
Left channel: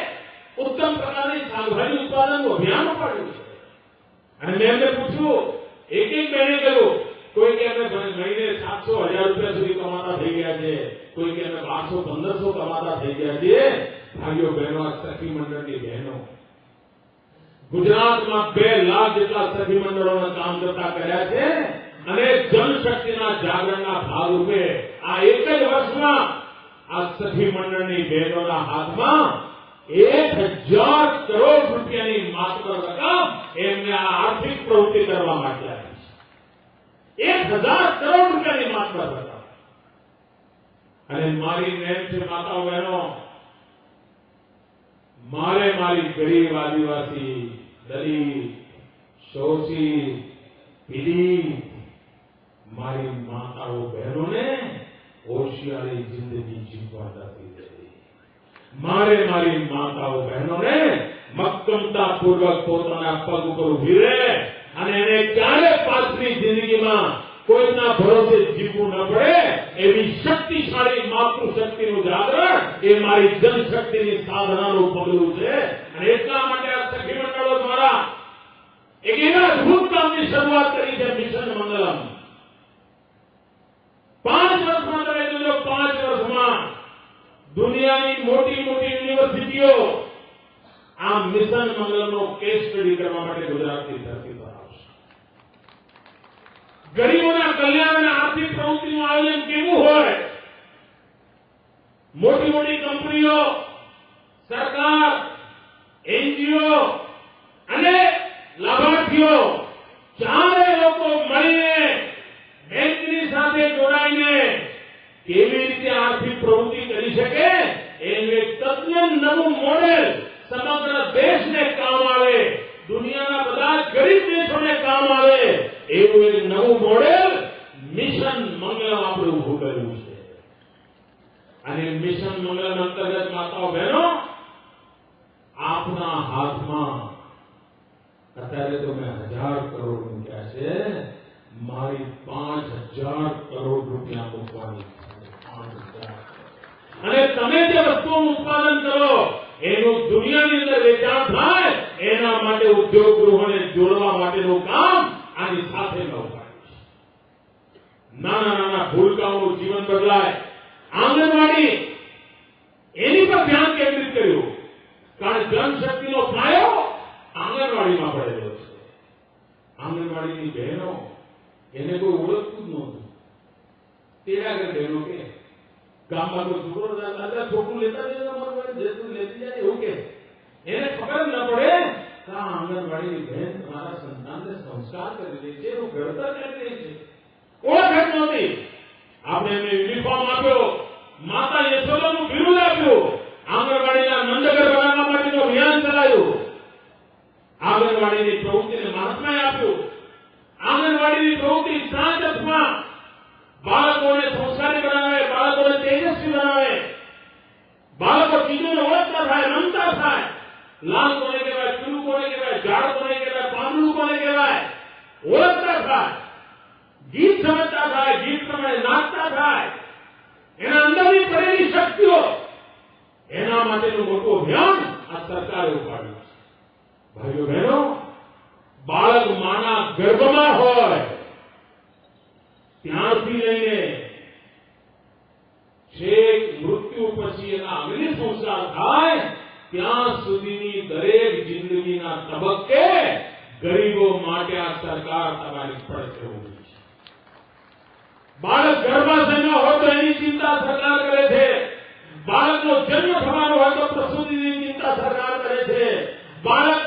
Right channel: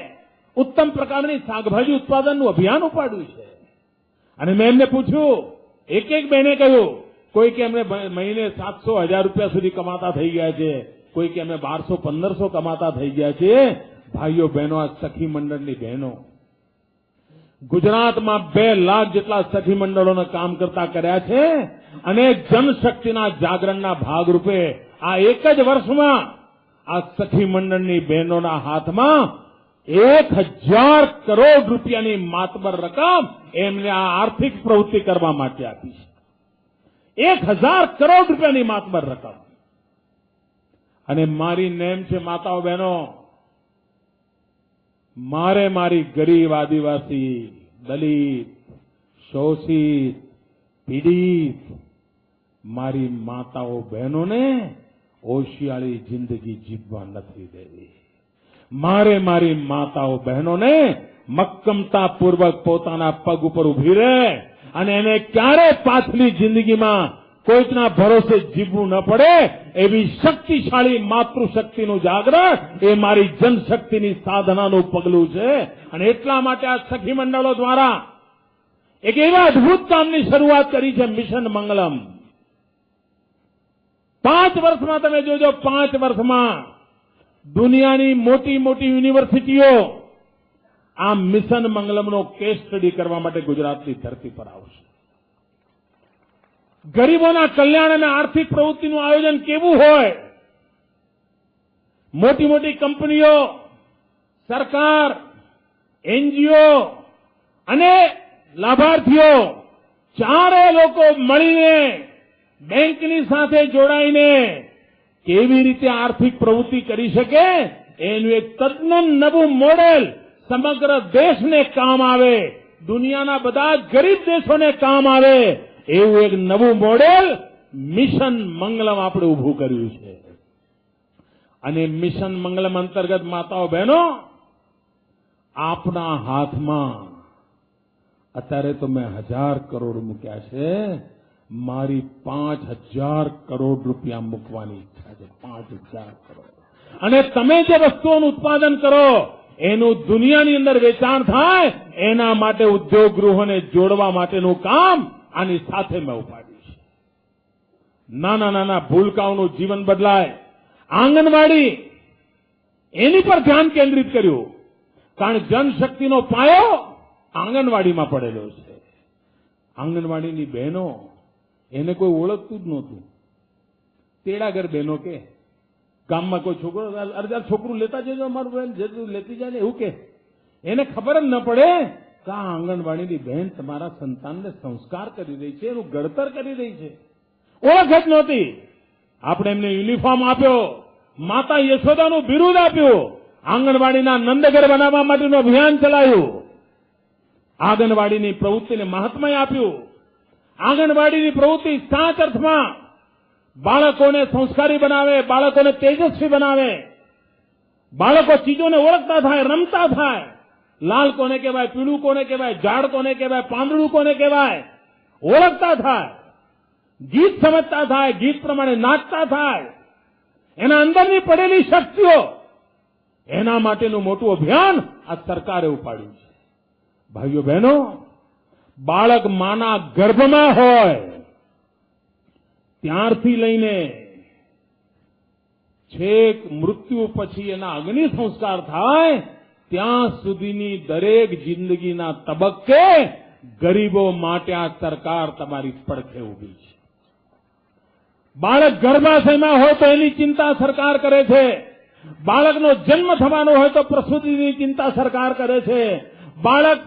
ઉત્તમ પ્રકારની શાકભાજી ઉત્પાદનનું અભિયાન ઉપાડ્યું છે. અને મેં એમને પૂછ્યું, એક એક બહેને કહ્યું, કોઈ કે અમે મહિને 700-1000 રૂપિયા સુધી કમાતા થઈ ગયા છે, કોઈ કે અમે 1200-1500 કમાતા થઈ ગયા છે. ભાઈઓ બહેનો, આ સખી મંડળની બહેનો ગુજરાતમાં 2 લાખ જેટલા સખી મંડળોને કામ કરતા કર્યા છે. અને જનશક્તિના જાગરણના ભાગરૂપે આ એક જ વર્ષમાં આ સખી મંડળની બહેનોના હાથમાં 1000 કરોડ રૂપિયાની માતબર રકમ એમને આ આર્થિક પ્રવૃત્તિ કરવા માટે આપી છે. 1000 કરોડ રૂપિયાની માતબર રકમ. અને મારી નેમ છે માતાઓ બહેનો, મારે મારી ગરીબ આદિવાસી, દલિત, શોષિત, પીડિત મારી માતાઓ બહેનોને હોશિયારી જિંદગી જીવવા નથી દેવી. મારે મારી માતાઓ બહેનોને મક્કમતાપૂર્વક પોતાના પગ ઉપર ઉભી રહે અને એને ક્યારે પાછલી જિંદગીમાં કોઈકના ભરોસે જીવવું ન પડે એવી શક્તિશાળી માતૃશક્તિનું જાગરણ એ મારી જનશક્તિની સાધનાનું પગલું છે. અને એટલા માટે આ સખી મંડળો દ્વારા એક એવા અદભુત કામની શરૂઆત કરી છે, મિશન મંગલમ. 5 વર્ષમાં તમે જોજો, 5 વર્ષમાં દુનિયાની મોટી મોટી યુનિવર્સિટીઓ આ મિશન મંગલમનો કેસ સ્ટડી કરવા માટે ગુજરાતની ધરતી પર આવશે. ગરીબોના કલ્યાણ અને આર્થિક પ્રવૃત્તિનું આયોજન કેવું હોય, મોટી મોટી કંપનીઓ, સરકાર, એનજીઓ અને લાભાર્થીઓ ચારે લોકો મળીને બેંકની સાથે જોડાઈને કેવી રીતે આર્થિક પ્રવૃત્તિ કરી શકે એનું એક તદ્દન નવું મોડેલ સમગ્ર દેશને કામ આવે, દુનિયાના બધા જ ગરીબ દેશોને કામ આવે એવું એક નવું મોડેલ મિશન મંગલમ આપણે ઉભું કર્યું છે. અને મિશન મંગલમ અંતર્ગત માતાઓ બહેનો, આપના હાથમાં અત્યારે તો મેં 1000 કરોડ મૂક્યા છે, મારી 5000 કરોડ રૂપિયા મૂકવાની ઈચ્છા છે. 5000 કરોડ. અને તમે જે વસ્તુઓનું ઉત્પાદન કરો એનું દુનિયાની અંદર વેચાણ થાય, એના માટે ઉદ્યોગ ગૃહોને જોડવા માટેનું કામ આની સાથે મેં ઉપાડ્યું છે. નાના નાના ભૂલકાઓનું જીવન બદલાય, આંગણવાડી એની પર ધ્યાન કેન્દ્રિત કર્યું, કારણ જનશક્તિનો પાયો આંગણવાડીમાં પડેલો છે. આંગણવાડીની બહેનો એને કોઈ ઓળખતું જ નહોતું. તેડાગર બહેનો કે ગામમાં કોઈ છોકરો, અરે છોકરું લેતા જજો, મારું બહેન જેટલું લેતી જાય ને એવું કે, એને ખબર જ ન પડે કે આ આંગણવાડીની બહેન તમારા સંતાનને સંસ્કાર કરી રહી છે, એનું ઘડતર કરી રહી છે. ઓળખ જ નહોતી. આપણે એમને યુનિફોર્મ આપ્યો, માતા યશોદાનું બિરુદ આપ્યું, આંગણવાડીના નંદઘર બનાવવા માટેનું અભિયાન ચલાવ્યું, આંગણવાડીની પ્રવૃત્તિને મહાત્મય આપ્યું. આંગણવાડીની પ્રવૃત્તિ સાચ અર્થમાં બાળકોને સંસ્કારી બનાવે, બાળકોને તેજસ્વી બનાવે, બાળકો ચીજોને ઓળખતા થાય, રમતા થાય. લાલ કોને કહેવાય, પીળું કોને કહેવાય, ઝાડ કોને કહેવાય, પાંદડું કોને કહેવાય, ઓળખતા થાય, ગીત સમજતા થાય, ગીત પ્રમાણે નાચતા થાય. એના અંદરની પડેલી શક્તિઓ, એના માટેનું મોટું અભિયાન આ સરકારે ઉપાડ્યું છે. ભાઈઓ બહેનો, બાળક માના ગર્ભમાં હોય ત્યારથી લઈને છેક મૃત્યુ પછી એના અગ્નિ સંસ્કાર થાય ત્યાં સુધીની દરેક જિંદગીના તબક્કે ગરીબો માટે આ સરકાર તમારી પડખે ઊભી છે. બાળક ગર્ભાશયમાં હોય તો એની ચિંતા સરકાર કરે છે. બાળકનો જન્મ થવાનો હોય તો પ્રસૂતિની ચિંતા સરકાર કરે છે. બાળક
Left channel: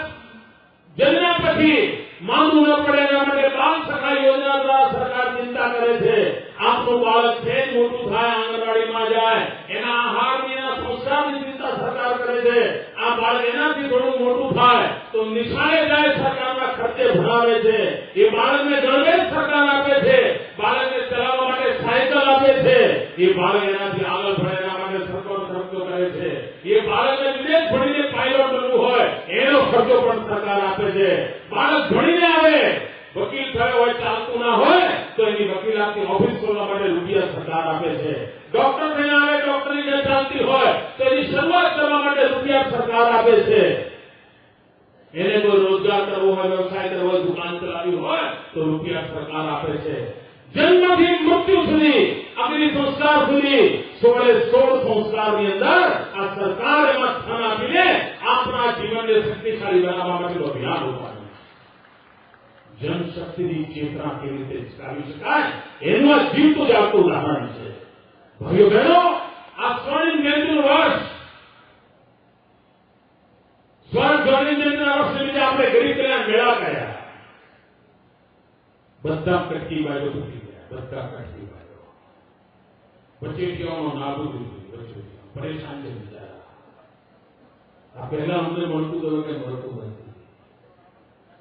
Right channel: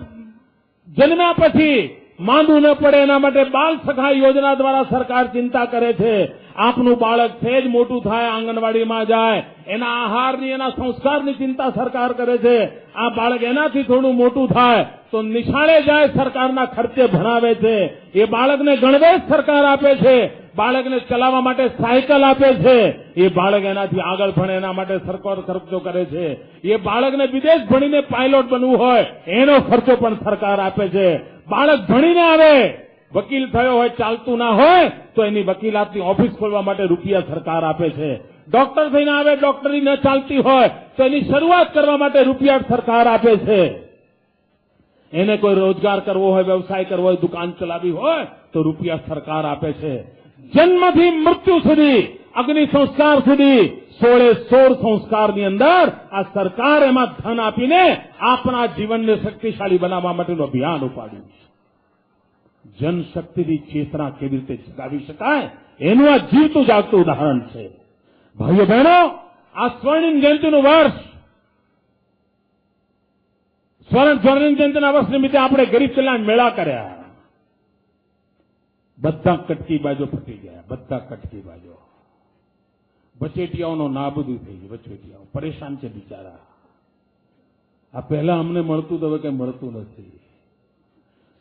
જન્મ્યા પછી માંદું ન પડે એના માટે બાલ સખા યોજના દ્વારા સરકાર ચિંતા કરે છે. આપનું બાળક છે જ મોટું થાય, આંગણવાડીમાં જાય, એના આહારની, એના સંસ્કારની ચિંતા સરકાર કરે છે. આ બાળક એનાથી થોડું મોટું થાય તો નિશાળે જાય, સરકારના ખર્ચે ભણાવે છે. એ બાળકને ગણવેશ સરકાર આપે છે. બાળકને ચલાવવા માટે સાયકલ આપે છે, એ બાળક એનાથી આગળ ભણે એના માટે સરકાર ખર્ચો કરે છે. એ બાળકને વિદેશ ભણીને પાયલોટ બનવું હોય એનો ખર્ચો પણ સરકાર આપે છે. બાળક ભણીને આવે, વકીલ થયો હોય, ચાલતું ના હોય તો એની વકીલાતની ઓફિસ ખોલવા માટે રૂપિયા સરકાર આપે છે. ડોક્ટર થઈને આવે, ડોક્ટરી ન ચાલતી હોય તો એની શરૂઆત કરવા માટે રૂપિયા સરકાર આપે છે. એને કોઈ રોજગાર કરવો હોય, વ્યવસાય કરવો હોય, દુકાન ચલાવવી હોય તો રૂપિયા સરકાર આપે છે. જન્મથી મૃત્યુ સુધી, અગ્નિ સંસ્કાર સુધી 16 સંસ્કારની અંદર આ સરકાર એમાં ધન આપીને આપણા જીવનને શક્તિશાળી બનાવવા માટેનું અભિયાન ઉપાડ્યું. જનશક્તિની ચેતના કેવી રીતે જગાવી શકાય એનું આ જીવતું જાગતું ઉદાહરણ છે. ભાઈઓ બહેનો, આ સ્વર્ણિમ જયંતિનું વર્ષ, સ્વર્ણિમ જયંતિના વર્ષ નિમિત્તે આપણે ગરીબ કલ્યાણ મેળા કર્યા. બધા કટકી બાજુ ફૂટી ગયા, બધા કટકી બાજુ. વચેટિયાઓનો નાબૂદી થઈ ગઈ, વચેટિયાઓ પરેશાન છે બિચારા. આ પહેલા અમને મળતું તો હવે કઈ મળતું નથી.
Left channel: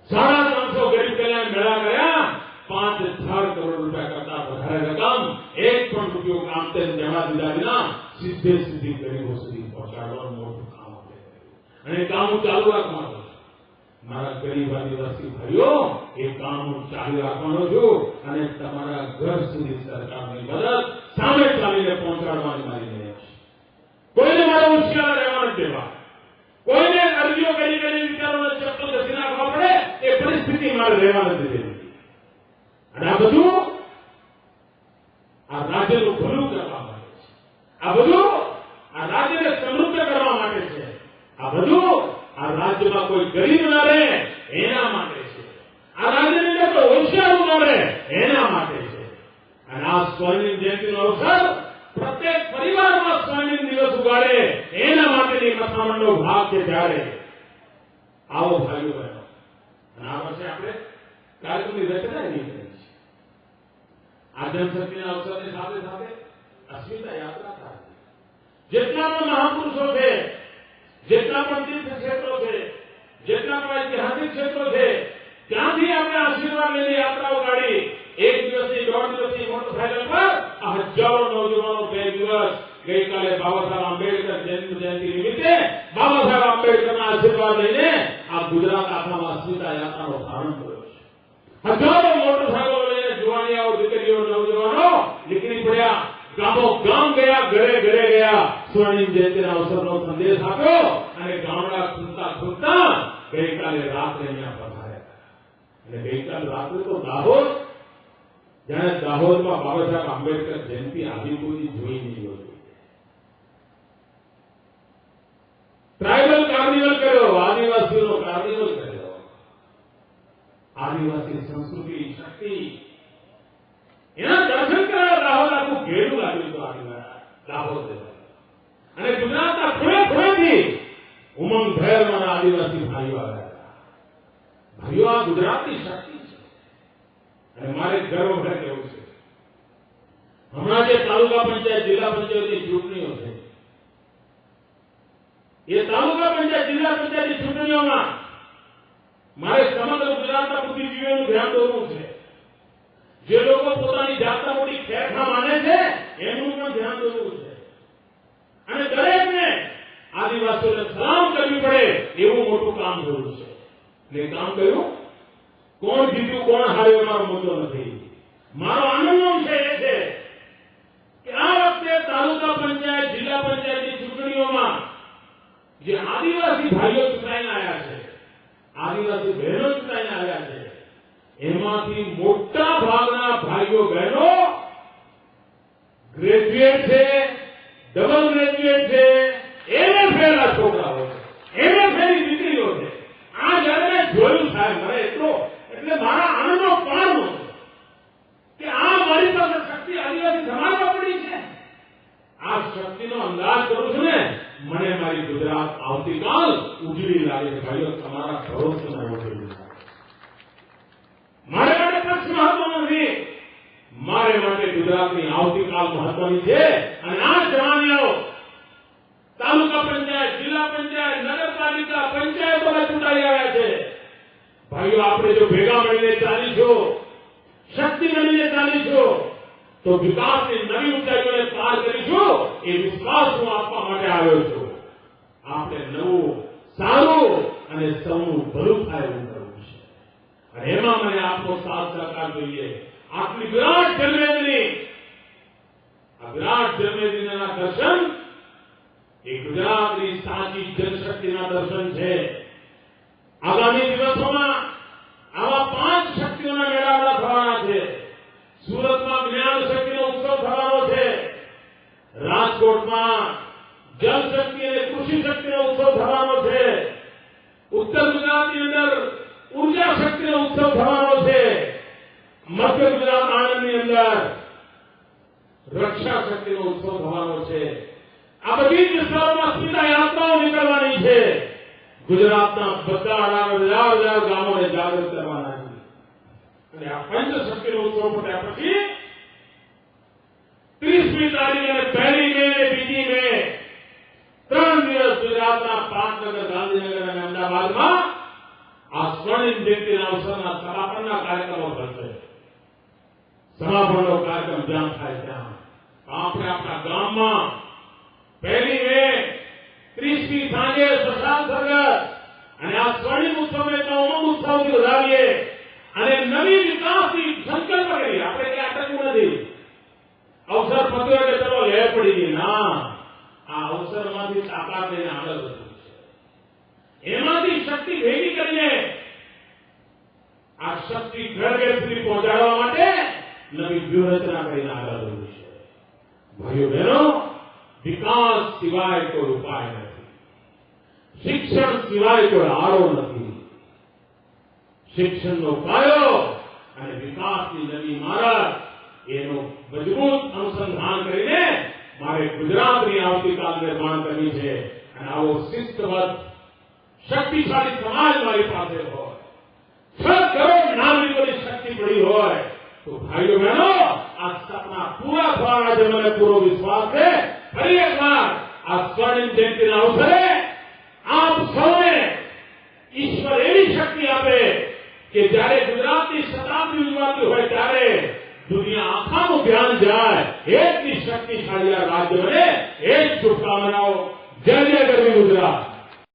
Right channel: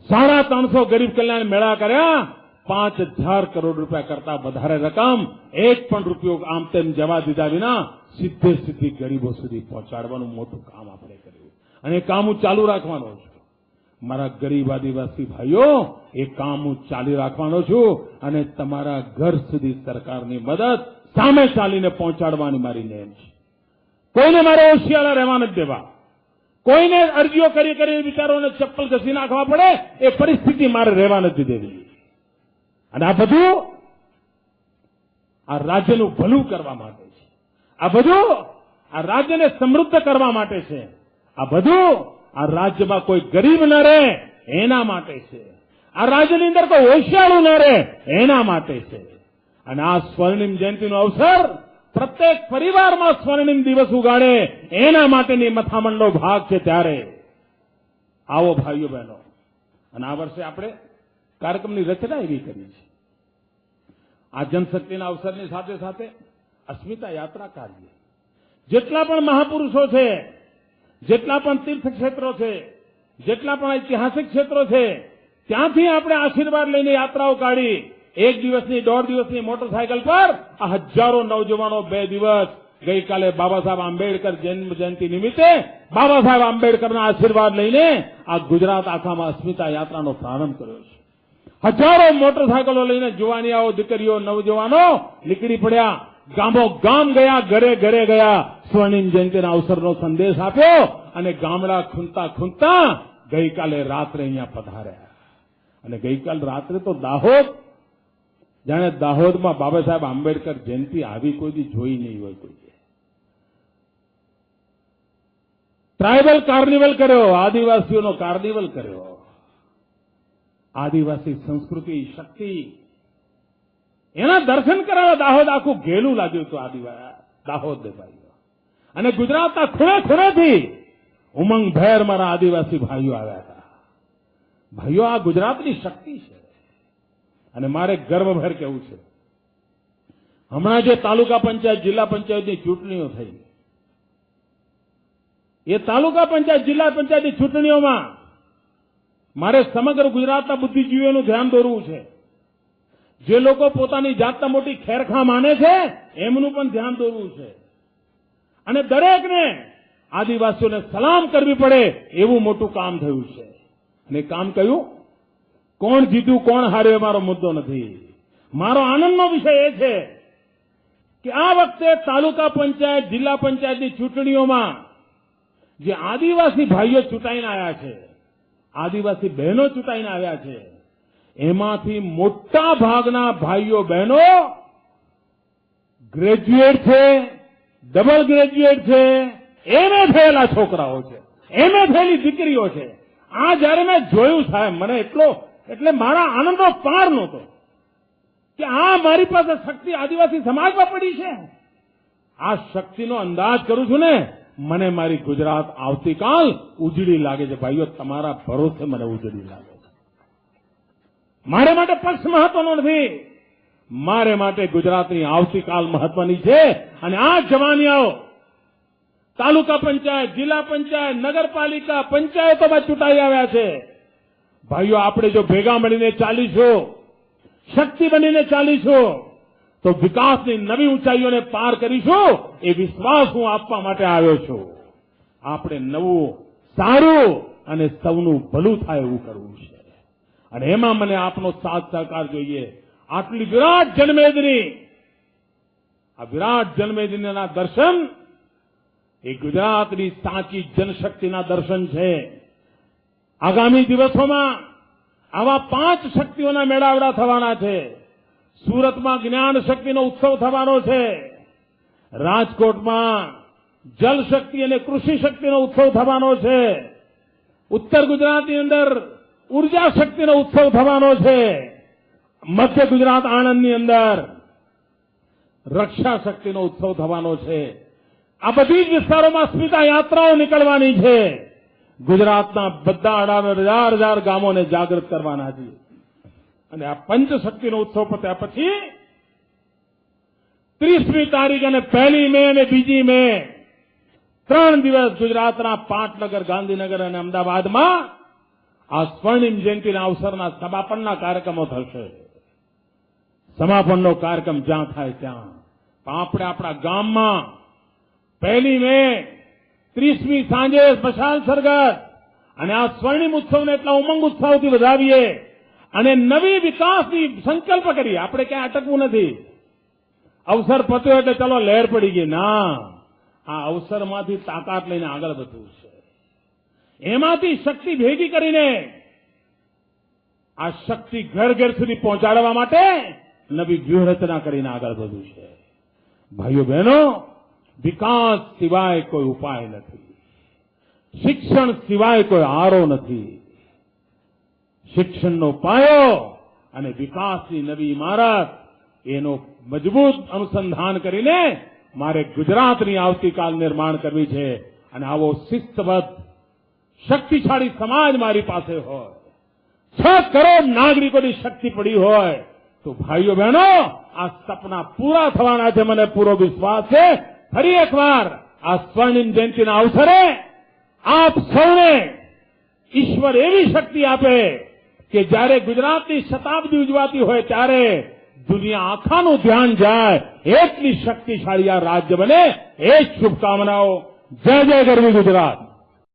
350 ગરીબ કલ્યાણ મેળા કર્યા. 5000 કરોડ રૂપિયા કરતા વધારે રકમ એક પણ રૂપિયો આમ તેમ જવા દીધા વિના સીધી ગરીબો સુધી પહોંચાડવાનું મોટું કામ આપણે કર્યું. અને કામ ચાલુ રાખવાનું. મારા ગરીબ આદિવાસી ભાઈઓ, એ કામ હું ચાલુ રાખવાનો છું અને તમારા ઘર સુધી સરકારની મદદ સામે ચાલીને પહોંચાડવાની મારી નેમ છે. કોઈને મારે હોશિયાર રહેવા નથી દેવા. કોઈને અરજીઓ કરી વિચારોને ચપ્પલ ઘસી નાખવા પડે એ પરિસ્થિતિ મારે રહેવા નથી દેવી. અને આ બધું આ રાજ્યનું ભલું કરવા માટે છે. આ બધું આ રાજ્યને સમૃદ્ધ કરવા માટે છે. આ બધું આ રાજ્યમાં કોઈ ગરીબ ન રહે એના માટે છે. આ રાજ્યની અંદર કોઈ હોશિયાર ન રહે એના માટે છે. અને આ સ્વર્ણિમ જયંતિનો અવસર પ્રત્યેક પરિવારમાં સ્વર્ણિમ દિવસ ઉગાડે એના માટેની મથામણનો ભાગ છે. ત્યારે આવો ભાઈઓ બહેનો, અને આ વર્ષે આપણે કાર્યક્રમની રચના એવી કરી છે. આ જનશક્તિના અવસરની સાથે સાથે અસ્મિતા યાત્રા કાઢવી. જેટલા પણ મહાપુરુષો છે, જેટલા પણ તીર્થ ક્ષેત્રો છે, જેટલા પણ ઐતિહાસિક ક્ષેત્રો છે, ત્યાંથી આપણે આશીર્વાદ લઈને યાત્રાઓ કાઢી. 1 દિવસની 1.5 દિવસની મોટરસાયકલ પર આ હજારો નવજવાનો 2 દિવસ ગઈકાલે બાબા સાહેબ આંબેડકર જન્મ જયંતિ નિમિત્તે બાબા સાહેબ આંબેડકરના આશીર્વાદ લઈને આ ગુજરાત આખામાં અસ્મિતા યાત્રાનો પ્રારંભ કર્યો છે. હજારો મોટરસાયકલો લઈને જુવાનિયાઓ, દીકરીઓ, નવજવાનો નીકળી પડ્યા. ગામો ગામ ગયા, ઘરે ઘરે ગયા, સ્વર્ણિમ જયંતિના અવસરનો સંદેશ આપ્યો અને ગામડા ખૂંદતા ગઈકાલે રાત્રે અહીંયા પધાર્યા. અને ગઈકાલ રાત્રે તો દાહોદ, જાણે દાહોદમાં બાબા સાહેબ આંબેડકર જયંતિ આવી કોઈ જોઈ નહીં હોય. ટ્રાઇબલ કાર્નિવલ કર્યો, આદિવાસીઓનો કાર્નિવલ કર્યો. આદિવાસી સંસ્કૃતિ, શક્તિ, એના દર્શન કરાવ્યા. દાહોદ આખું ઘેરું લાગ્યું હતું દાહોદ. અને ગુજરાતના ખૂણેથી ઉમંગભેર મારા આદિવાસી ભાઈઓ આવ્યા હતા. ભાઈઓ, આ ગુજરાતની શક્તિ છે. અને મારે ગર્વભેર કહેવું છે, હમણાં જે તાલુકા પંચાયત, જિલ્લા પંચાયતની ચૂંટણીઓ છે, એ તાલુકા પંચાયત, જિલ્લા પંચાયતની ચૂંટણીઓમાં મારે સમગ્ર ગુજરાતના બુદ્ધિજીવીઓનું ધ્યાન દોરવું છે. જે લોકો પોતાની જાતના મોટી ખેરખા માને છે એમનું પણ ધ્યાન દોરવું છે. અને દરેકને આદિવાસીઓને સલામ કરવી પડે એવું મોટું કામ થયું છે. અને કામ કયું? કોણ જીત્યું, કોણ હાર્યો મારો મુદ્દો નથી. મારો આનંદનો વિષય એ છે કે આ વખતે તાલુકા પંચાયત, જિલ્લા પંચાયતની ચૂંટણીઓમાં જે આદિવાસી ભાઈઓ ચૂંટાઈને આવ્યા છે, આદિવાસી બહેનો ચૂંટાઈને આવ્યા છે, એમાંથી મોટા ભાગના ભાઈઓ બહેનો ગ્રેજ્યુએટ છે, ડબલ ગ્રેજ્યુએટ છે, એમએ થયેલા છોકરાઓ છે, એમએ થયેલી દીકરીઓ છે. આ જયારે મેં જોયું સાહેબ, મને એટલે મારા આનંદનો પાર નહોતો કે આ મારી પાસે શક્તિ આદિવાસી સમાજમાં પડી છે. આ શક્તિનો અંદાજ કરું છું ને, મને મારી ગુજરાત આવતીકાલ ઉજળી લાગે છે. ભાઈઓ, તમારા ભરોસે મને ઉજળી લાગે. મારે માટે પક્ષ મહત્વનો નથી, મારે માટે ગુજરાતની આવતીકાલ મહત્વની છે. અને આ જવાનિયાઓ તાલુકા પંચાયત, જિલ્લા પંચાયત, નગરપાલિકા, પંચાયતોમાં ચૂંટાઈ આવ્યા છે. ભાઈઓ, આપણે જો ભેગા મળીને ચાલીશું શક્તિ બનીને ચાલીશું તો વિકાસની નવી ઊંચાઈઓને પાર કરીશું. એ વિશ્વાસ હું આપવા માટે આવ્યો છું. આપણે નવું, સારું અને સૌનું ભલું થાય એવું કરવું છે. અને એમાં મને આપનો સાથ સહકાર જોઈએ. આટલી વિરાટ જન્મેદની, આ વિરાટ જન્મેદનીના દર્શન એ ગુજરાતની સાચી જનશક્તિના દર્શન છે. આગામી દિવસોમાં આવા 5 શક્તિઓના મેળાવડા થવાના છે. સુરતમાં જ્ઞાન શક્તિનો ઉત્સવ થવાનો છે. રાજકોટમાં જલ શક્તિ અને કૃષિ શક્તિનો ઉત્સવ થવાનો છે. ઉત્તર ગુજરાતની અંદર ઉર્જા શક્તિનો ઉત્સવ થવાનો છે. મધ્ય ગુજરાત આણંદની અંદર રક્ષા શક્તિનો ઉત્સવ થવાનો છે. આ બધી જ વિસ્તારોમાં સ્મિતા યાત્રાઓ નીકળવાની છે. ગુજરાતના બધા 18,000 ગામોને જાગૃત કરવાના છે. અને આ પંચશક્તિનો ઉત્સવ પત્યા પછી 30મી તારીખ અને 1લી મે અને 2જી મે 3 દિવસ ગુજરાતના પાટનગર, ગાંધીનગર અને અમદાવાદમાં આ સ્વર્ણિમ જયંતિના અવસરના સમાપનના કાર્યક્રમો થશે. સમાપનનો કાર્યક્રમ જ્યાં થાય ત્યાં આપણે આપણા ગામમાં 1લી મે 30મી સાંજે મશાલ સરઘસ અને આ સ્વર્ણિમ ઉત્સવને એટલા ઉમંગ ઉત્સવથી વધાવીએ અને નવી વિકાસની સંકલ્પ કરીએ. આપણે ક્યાં અટકવું નથી. અવસર પત્યો એટલે ચલો લહેર પડી ગઈ. ના, આ અવસરમાંથી તાકાત લઈને આગળ વધવું છે. એમાંથી શક્તિ ભેગી કરીને આ શક્તિ ઘર ઘર સુધી પહોંચાડવા માટે નવી વ્યૂહરચના કરીને આગળ વધવું છે. ભાઈઓ બહેનો, વિકાસ સિવાય કોઈ ઉપાય નથી. શિક્ષણ સિવાય કોઈ આરો નથી. શિક્ષણનો પાયો અને વિકાસની નવી ઇમારત એનો મજબૂત અનુસંધાન કરીને મારે ગુજરાતની આવતીકાલ નિર્માણ કરવી છે. અને આવો શિસ્તબદ્ધ, શક્તિશાળી સમાજ મારી પાસે હોય, 6 કરોડ નાગરિકોની શક્તિ પડી હોય તો ભાઈઓ બહેનો, આ સપના પૂરા થવાના છે. મને પૂરો વિશ્વાસ છે. ફરી એકવાર આ સ્વર્ણિમ જયંતિના અવસરે આપ સૌને ઈશ્વર એવી શક્તિ આપે કે જ્યારે ગુજરાતની શતાબ્દી ઉજવાતી હોય ત્યારે દુનિયા આખાનું ધ્યાન જાય. એટલી શક્તિશાળી આ રાજ્ય બને. એ જ શુભકામનાઓ. જય જય ગરવી ગુજરાત.